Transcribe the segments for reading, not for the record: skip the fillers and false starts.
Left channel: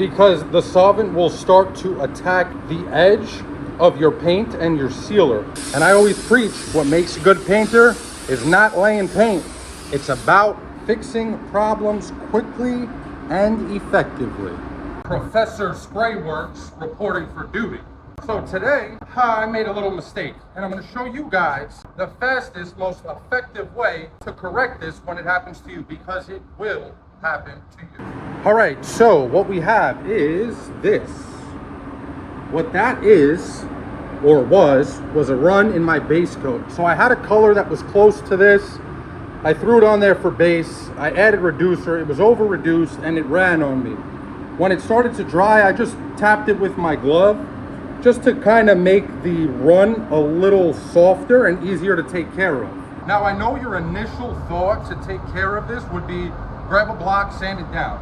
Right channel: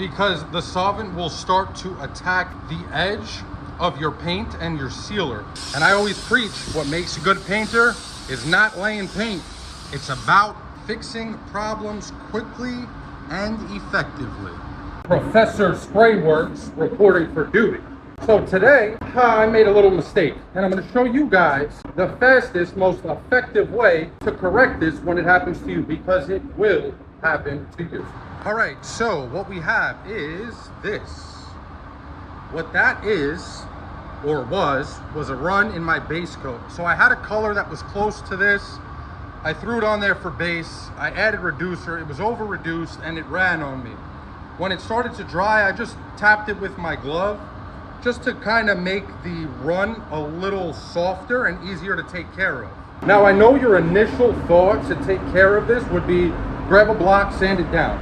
because the solvent will start to attack the edge of your paint and your sealer. And I always preach, what makes a good painter is not laying paint. It's about fixing problems quickly and effectively. Professor Sprayworks reporting for duty. So today, I made a little mistake, and I'm going to show you guys the fastest, most effective way to correct this when it happens to you, because it will happen to you. All right, so what we have is this. What that is, or was a run in my base coat. So I had a color that was close to this. I threw it on there for base. I added reducer. It was over reduced and it ran on me. When it started to dry, I just tapped it with my glove just to kind of make the run a little softer and easier to take care of. Now I know your initial thought to take care of this would be grab a block, sand it down.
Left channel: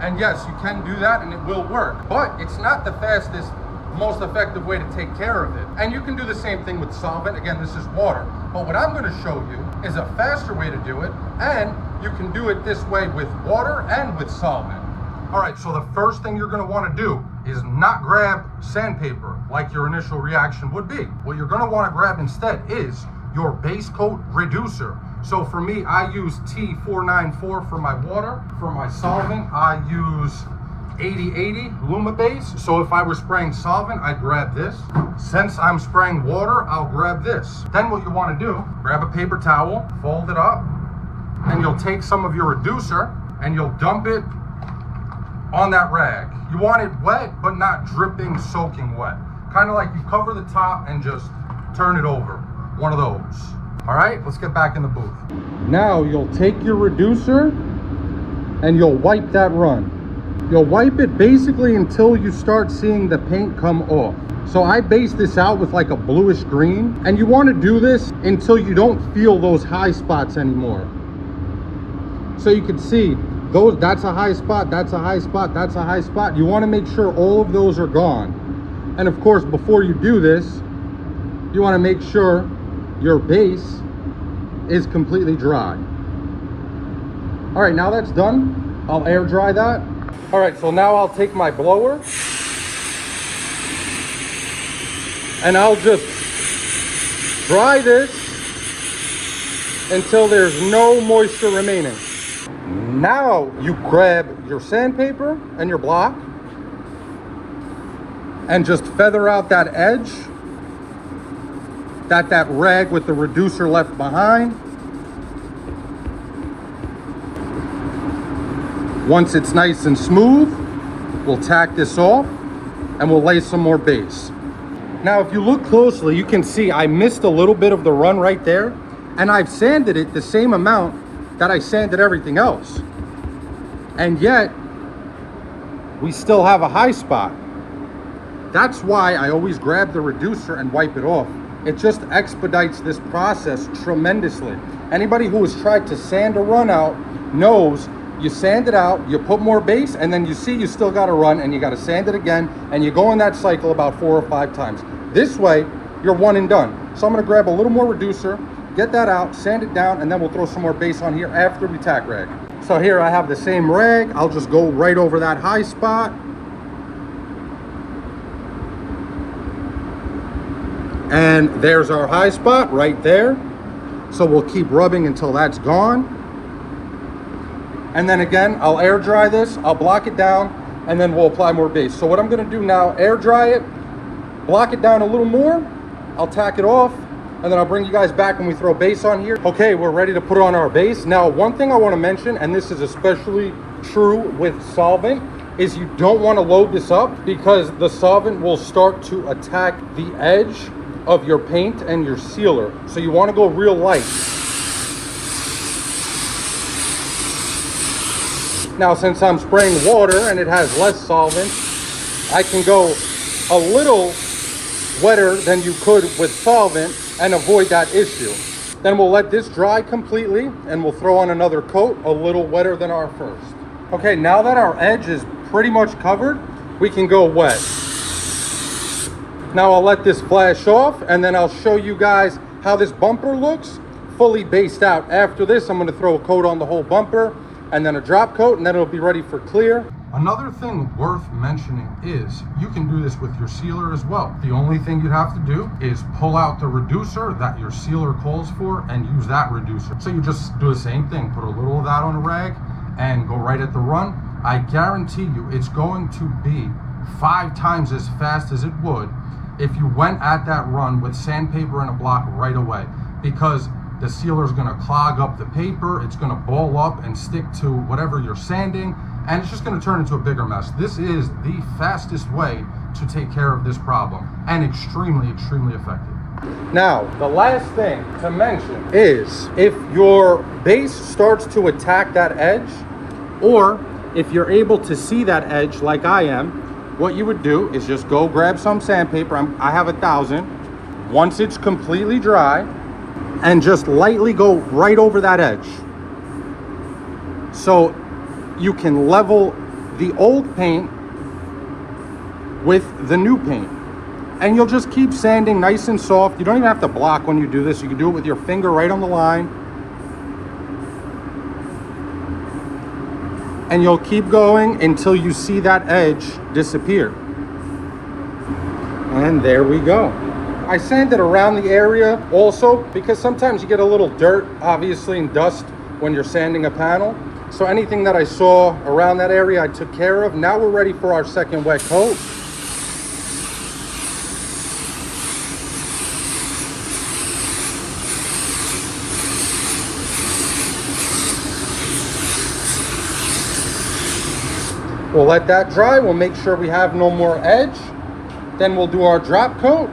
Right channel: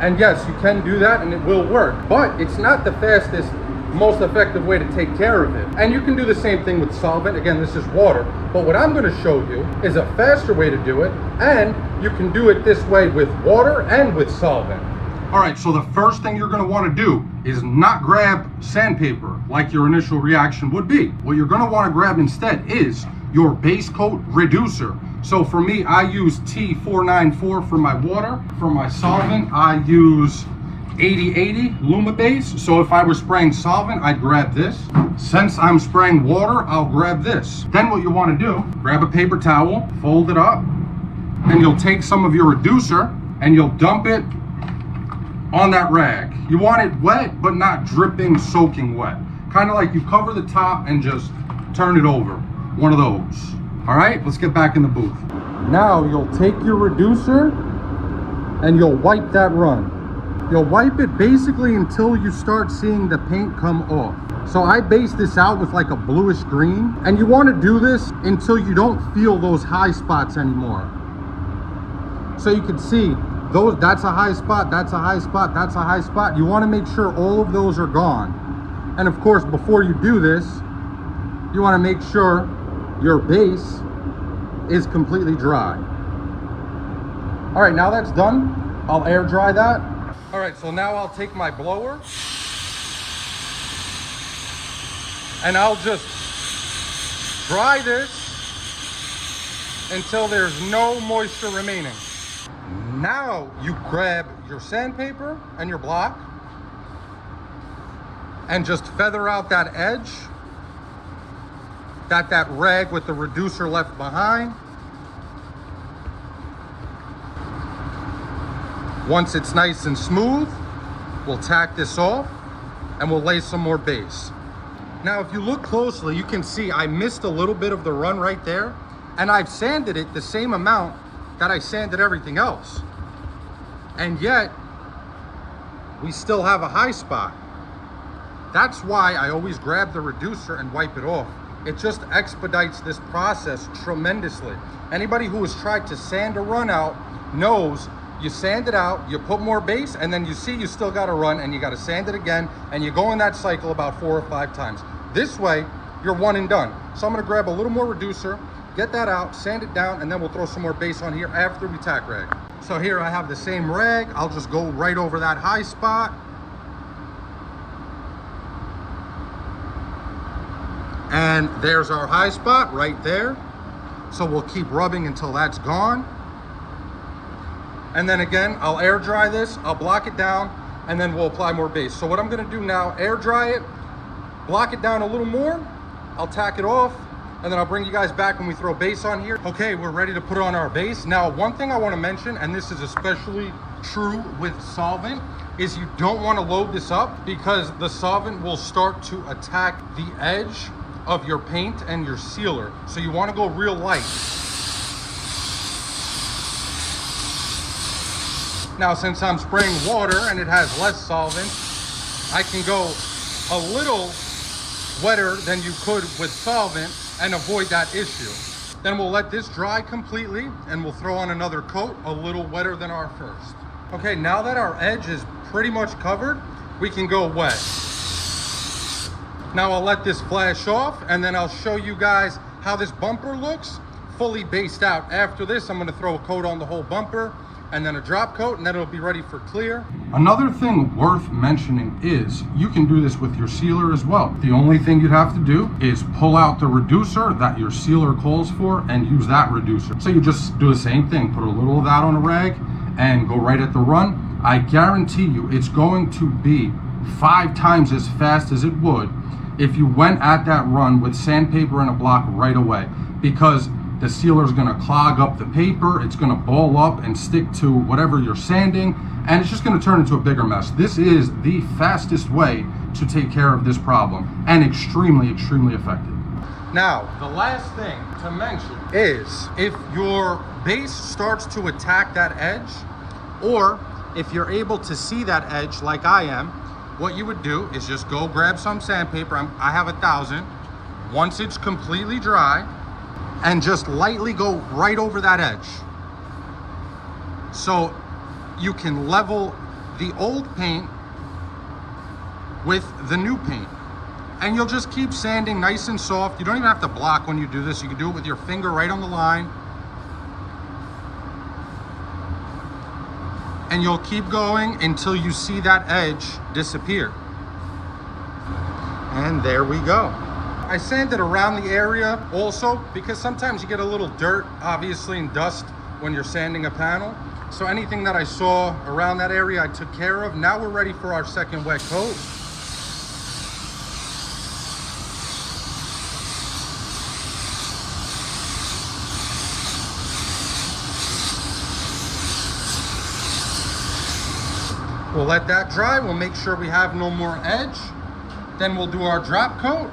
And yes, you can do that and it will work, but it's not the fastest, most effective way to take care of it. And you can do the same thing with solvent. Again, this is water, but what I'm going to show you is a faster way to do it, and you can do it this way with water and with solvent. All right, so the first thing you're going to want to do is not grab sandpaper like your initial reaction would be. What you're going to want to grab instead is your base coat reducer. So for me, I use T494 for my water. For my solvent, I use 8080 Luma base. So if I were spraying solvent, I'd grab this. Since I'm spraying water, I'll grab this. Then what you want to do, grab a paper towel, fold it up, and you'll take some of your reducer and you'll dump it on that rag. You want it wet, but not dripping, soaking wet. Kind of like you cover the top and just turn it over. One of those. All right, let's get back in the booth. Now you'll take your reducer and you'll wipe that run. You'll wipe it basically until you start seeing the paint come off. So I based this out with like a bluish green, and you want to do this until you don't feel those high spots anymore. So you can see those, that's a high spot, that's a high spot, that's a high spot. You want to make sure all of those are gone. And of course, before you do this, you want to make sure your base is completely dry. All right, now that's done. I'll air dry that. All right, so now I'll take my blower and I'll just dry this until there's no moisture remaining. Now you grab your sandpaper and your block and just feather out that edge, that rag with the reducer left behind. Once it's nice and smooth, we'll tack this off and we'll lay some more base. Now, if you look closely, you can see I missed a little bit of the run right there, and I've sanded it the same amount that I sanded everything else. And yet, we still have a high spot. That's why I always grab the reducer and wipe it off. It just expedites this process tremendously. Anybody who has tried to sand a run out knows you sand it out, you put more base, and then you see you still got to run and you got to sand it again, and you go in that cycle about 4 or 5 times. This way, you're one and done. So I'm going to grab a little more reducer, get that out, sand it down, and then we'll throw some more base on here after we tack rag. So here I have the same rag. I'll just go right over that high spot. And there's our high spot right there. So we'll keep rubbing until that's gone. And then again, I'll air dry this, I'll block it down, and then we'll apply more base. So what I'm gonna do now, air dry it, block it down a little more, I'll tack it off, and then I'll bring you guys back when we throw base on here. Okay, we're ready to put on our base. Now, one thing I wanna mention, and this is especially true with solvent, is you don't wanna load this up because the solvent will start to attack the edge of your paint and your sealer. So you wanna go real light. Now, since I'm spraying water and it has less solvent, I can go a little wetter than you could with solvent and avoid that issue. Then we'll let this dry completely and we'll throw on another coat a little wetter than our first. Okay, now that our edge is pretty much covered, we can go wet. Now I'll let this flash off and then I'll show you guys how this bumper looks fully based out. After this, I'm going to throw a coat on the whole bumper and then a drop coat, and then it'll be ready for clear. Another thing worth mentioning is you can do this with your sealer as well. The only thing you'd have to do is pull out the reducer that your sealer calls for and use that reducer. So you just do the same thing, put a little of that on a rag and go right at the run. I guarantee you it's going to be 5 times as fast as it would if you went at that run with sandpaper and a block right away, because the sealer is going to clog up the paper, it's going to ball up and stick to whatever you're sanding, and it's just going to turn into a bigger mess. This is the fastest way to take care of this problem, and extremely, extremely effective. Now, the last thing to mention is if your base starts to attack that edge, or if you're able to see that edge like I am, what you would do is just go grab some sandpaper. I have 1,000. Once it's completely dry, and just lightly go right over that edge. So you can level the old paint with the new paint. And you'll just keep sanding nice and soft. You don't even have to block when you do this. You can do it with your finger right on the line. And you'll keep going until you see that edge disappear. And there we go. I sanded around the area also because sometimes you get a little dirt, obviously, and dust when you're sanding a panel. So anything that I saw around that area, I took care of. Now we're ready for our second wet coat. We'll let that dry. We'll make sure we have no more edge. Then we'll do our drop coat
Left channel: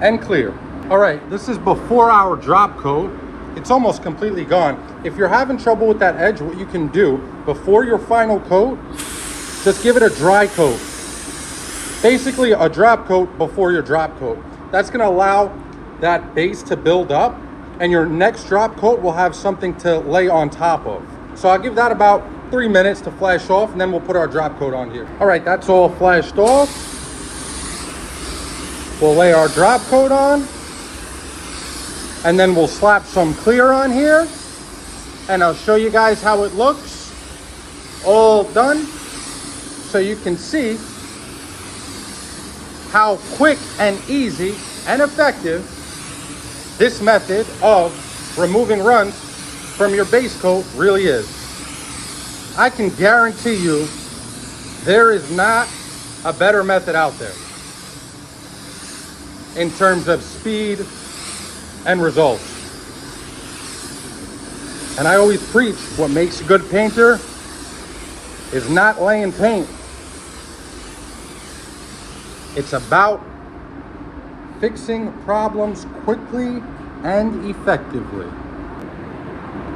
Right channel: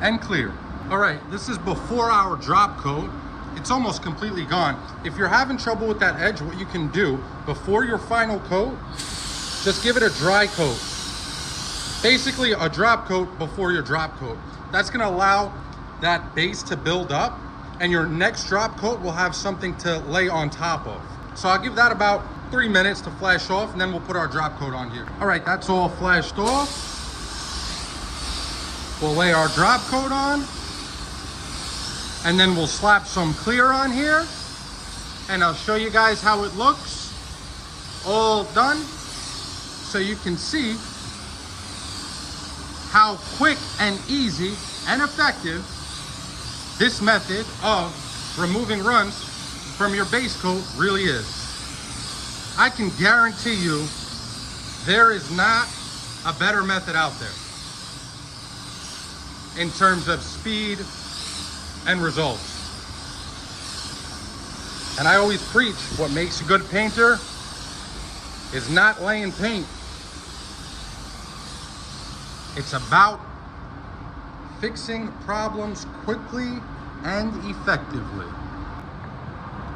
and clear. All right, this is before our drop coat. It's almost completely gone. If you're having trouble with that edge, what you can do before your final coat, just give it a dry coat. Basically a drop coat before your drop coat. That's gonna allow that base to build up, and your next drop coat will have something to lay on top of. So I'll give that about 3 minutes to flash off, and then we'll put our drop coat on here. All right, that's all flashed off. We'll lay our drop coat on, and then we'll slap some clear on here, and I'll show you guys how it looks all done, so you can see how quick and easy and effective this method of removing runs from your base coat really is. I can guarantee you there is not a better method out there in terms of speed and results. And I always preach, what makes a good painter is not laying paint. It's about fixing problems quickly and effectively.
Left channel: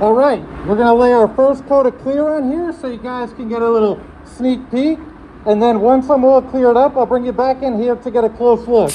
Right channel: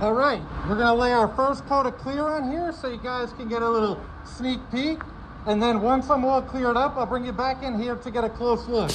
All right, we're gonna lay our first coat of clear on here so you guys can get a little sneak peek. And then once I'm all cleared up, I'll bring you back in here to get a close look.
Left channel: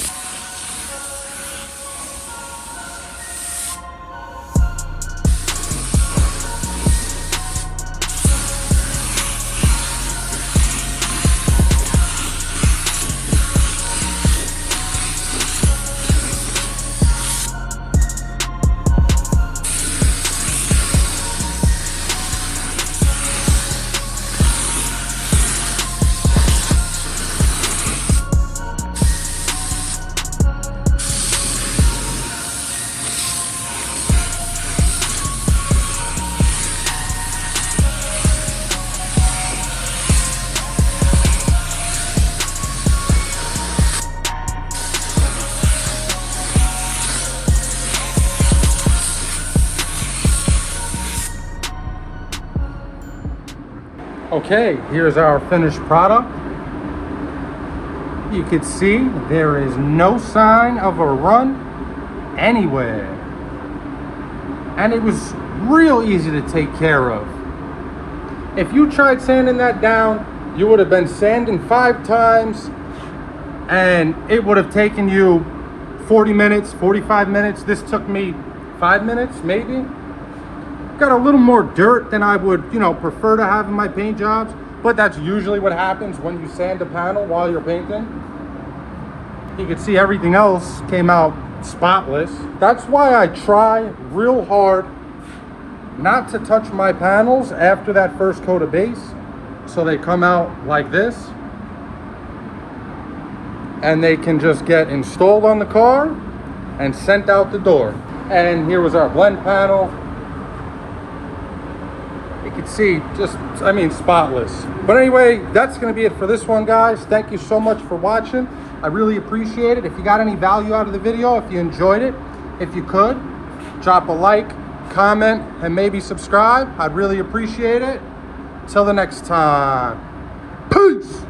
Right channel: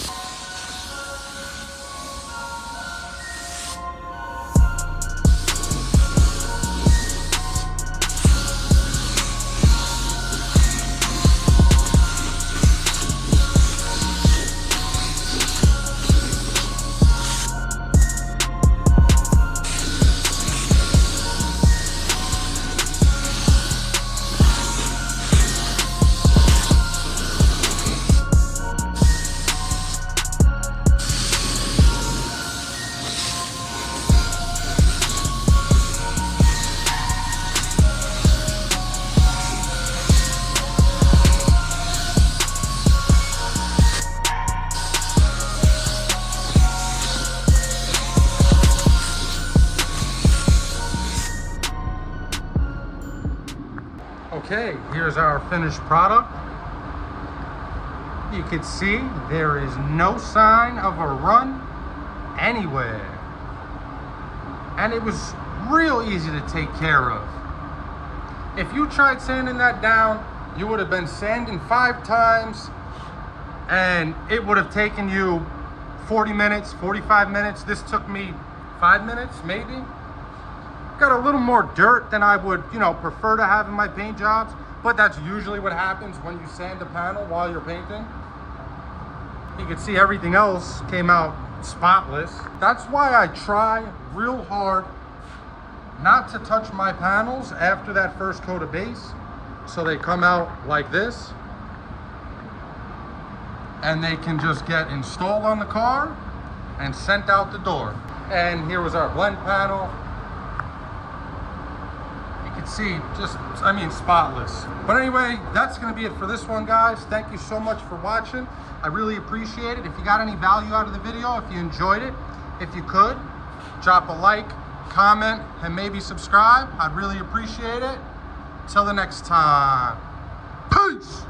Okay, here's our finished product. You can see there is no sign of a run anywhere. And it was real easy to take care of. If you tried sanding that down, you would have been sanding 5 times, and it would have taken you 40 minutes, 45 minutes. This took me 5 minutes, maybe. Got a little more dirt than I would, prefer to have in my paint jobs, but that's usually what happens when you sand a panel while you're painting. You can see everything else came out spotless. That's why I try real hard not to touch my panels after that first coat of base. So they come out like this. And they can just get installed on the car and sent out the door. And here was our blend panel. You can see just, I mean, spotless. But anyway, that's gonna be it for this one, guys. Thank you so much for watching. I really appreciate it. If you got any value out of the video, if you enjoyed it, if you could, drop a like, comment, and maybe subscribe. I'd really appreciate it. Till the next time, peace.